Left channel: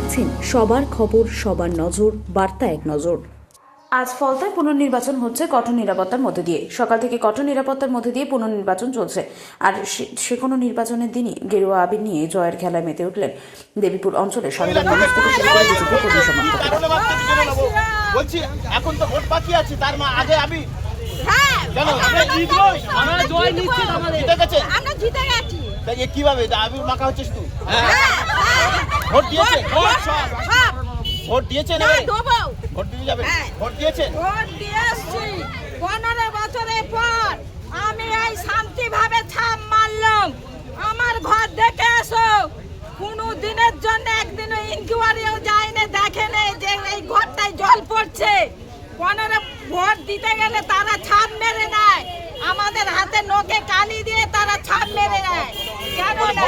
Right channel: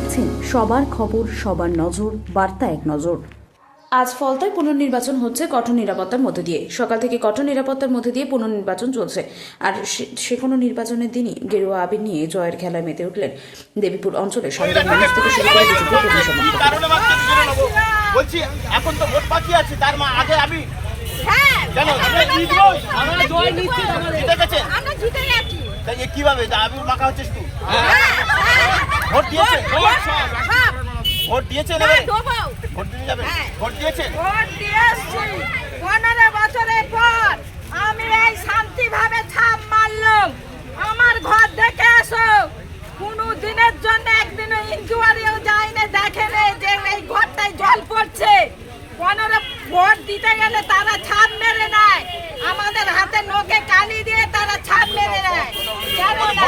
দেখছেন সবার খবর, সবার নজর, বার্তা এক নজর। আজ ফলতায় পুনর্নির্বাচন হচ্ছে কঠোর নিরাপত্তার মধ্যে দিয়ে। সকাল থেকে কঠোর নিরাপত্তার মধ্যে দিয়ে পুনর্নির্বাচন চলছে। আর সে কোনো নির্বাচনের দিনই গেরুয়া আবির নিয়ে জয়ের খেলায় মেতে উঠলেন দেবীপুর অঞ্চলের সাধারণ মানুষ থেকে শুরু করে বিজেপি কর্মী সমর্থক। বলছি এখন তো ভোট বাকি আছে, তার আগে আমি কিভাবে আমি মাখা হচ্ছিস তুই? ভোট দিয়েছে, ভোট দিয়েছে, ভোট দিতে যাবে, ভোট দিয়েছে। 15 বছরের পর আমি এই শান্তিভাবে ছাপ মারলাম। আমার ঘর দেখে আসো, কোনো দিনের জন্য একদিনও ইনকোয়ারিও যায়নি, দেখেনি যে এই ঘরটায় জল পড়ছে। 15 ভোট দিতে গেলে তারা ছাপ মেরে নেয়, আমাদের হাতে নখে কালি দিয়ে তারা ছাপ মেরে নেয়। কেন না?